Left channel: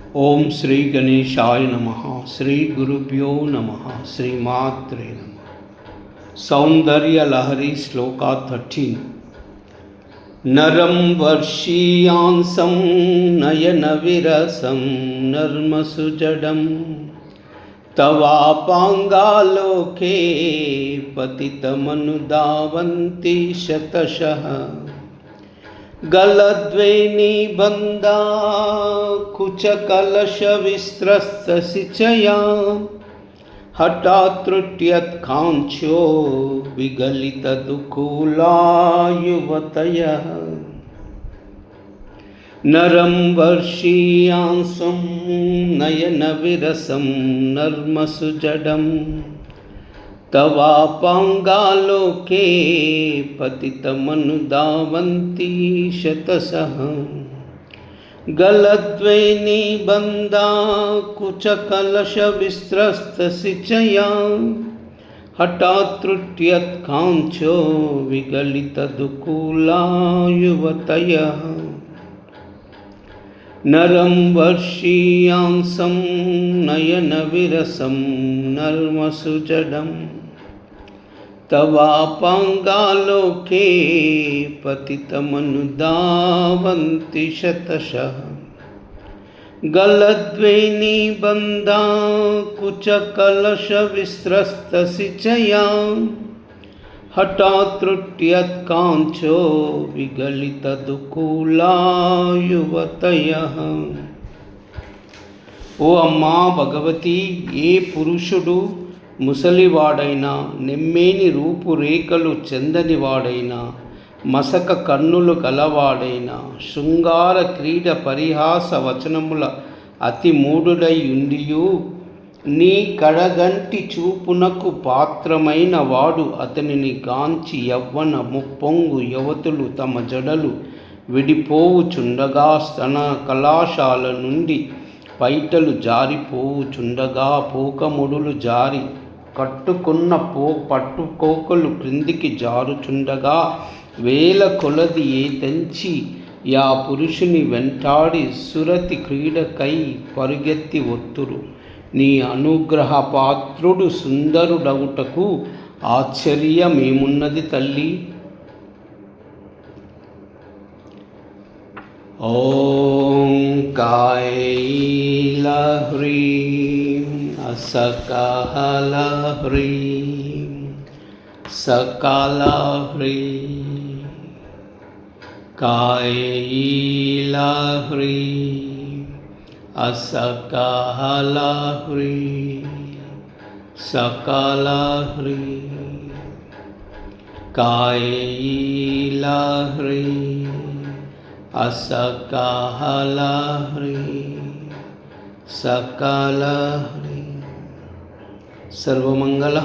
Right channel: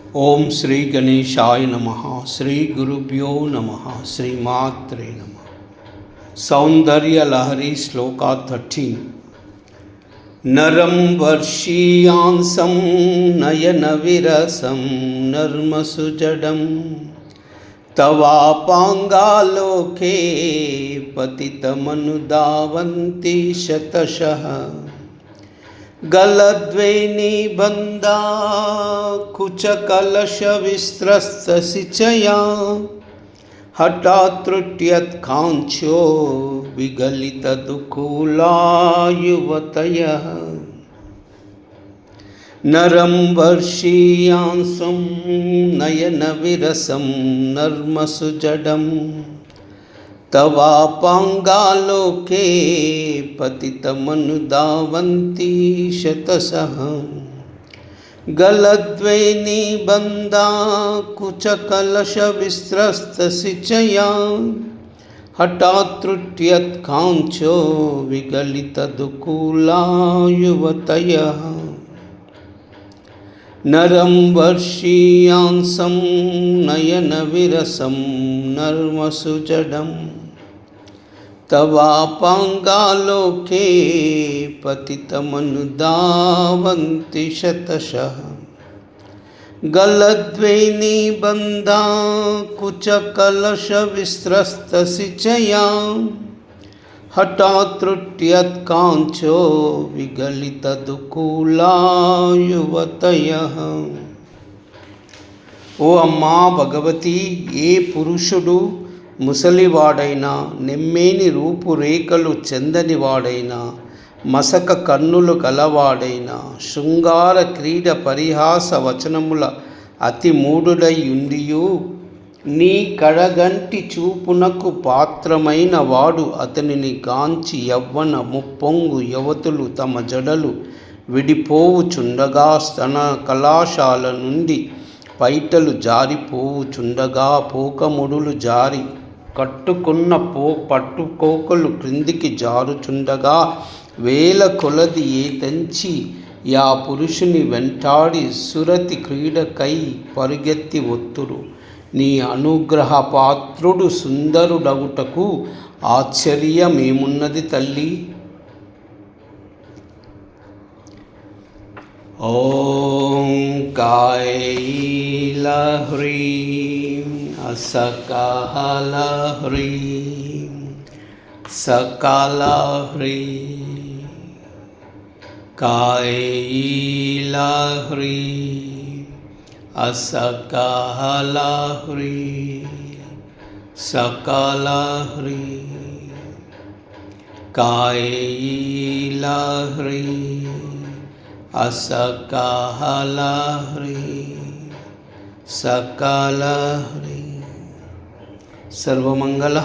ఓం శ్రీ గణేశాయ నమః. శ్రీ గురుభ్యో నమః. శ్రీమాత్రే నమః. సౌందర్య లహరి శ్లోక 13. నరం వర్షీయాంసం నయన విరసం నర్మసుజడం తవాపాంగాలోకే పతితమనుదావంతి శతశః గలద్వైని బందా కుచకలశ విస్త్రస్తసిచయా హఠాత్రుట్యత్ కాంక్షో విగలిత దుకూలా యువతయః నరం వర్షీయాంసం నయన విరసం నర్మసుజడం తవాపాంగాలోకే పతితమనుదావంతి శతశః గలద్వైని బందా కుచకలశ విస్త్రస్తసిచయా హఠాత్రుట్యత్ కాంక్షో విగలిత దుకూలా యువతయః నరం వర్షీయాంసం నయన విరసం నర్మసుజడం తవాపాంగాలోకే పతితమనుదావంతి శతశః గలద్వైని బందా కుచకలశ విస్త్రస్తసిచయా హఠాత్రుట్యత్ కాంక్షో విగలిత దుకూలా యువతయః. ఓ అమ్మా భగవతి, ఏ పురుషుడు ముసలివాడైనా, నెమ్మేని రూపురేఖలు చెందనివాడైనా, మసక కన్నులు గలవాడైనా, శృంగార క్రీడ పరిహాస వచనముల అతి మూఢుడై ఉండియు నీ కడగంటి చూపునకు పాత్రమైన వాడు అతనిని గాంచి యవ్వన ముప్పొంగు యువతులు తమ జడలు విడిపోవుచుండగా, స్తన కళాశాల నుండి పైటలు జారిపోవుచుండగా, పోకముడులు జారి కట్టుకున్న పట్టుకోకలు క్రిందికి జారుచుండగా, వేల కొలది ఏతంచి యా పురుషుని వెంటాడి సురతి క్రీడకై పరుగెత్తి ఒత్తురు. నీ అనుగ్రహ పాత్రుడు సుందరుడవుటకు ఆశ్చర్యమేమున్నది తల్లి. ఓం కాయైలహ్రీం అసకాలహ్రీం సకాలహ్రీం కాయైలహ్రీం అసకాలహ్రీం సకాలహ్రీం కాయైలహ్రీం అసకాలహ్రీం సకాలహ్రీం. సర్వమంగళ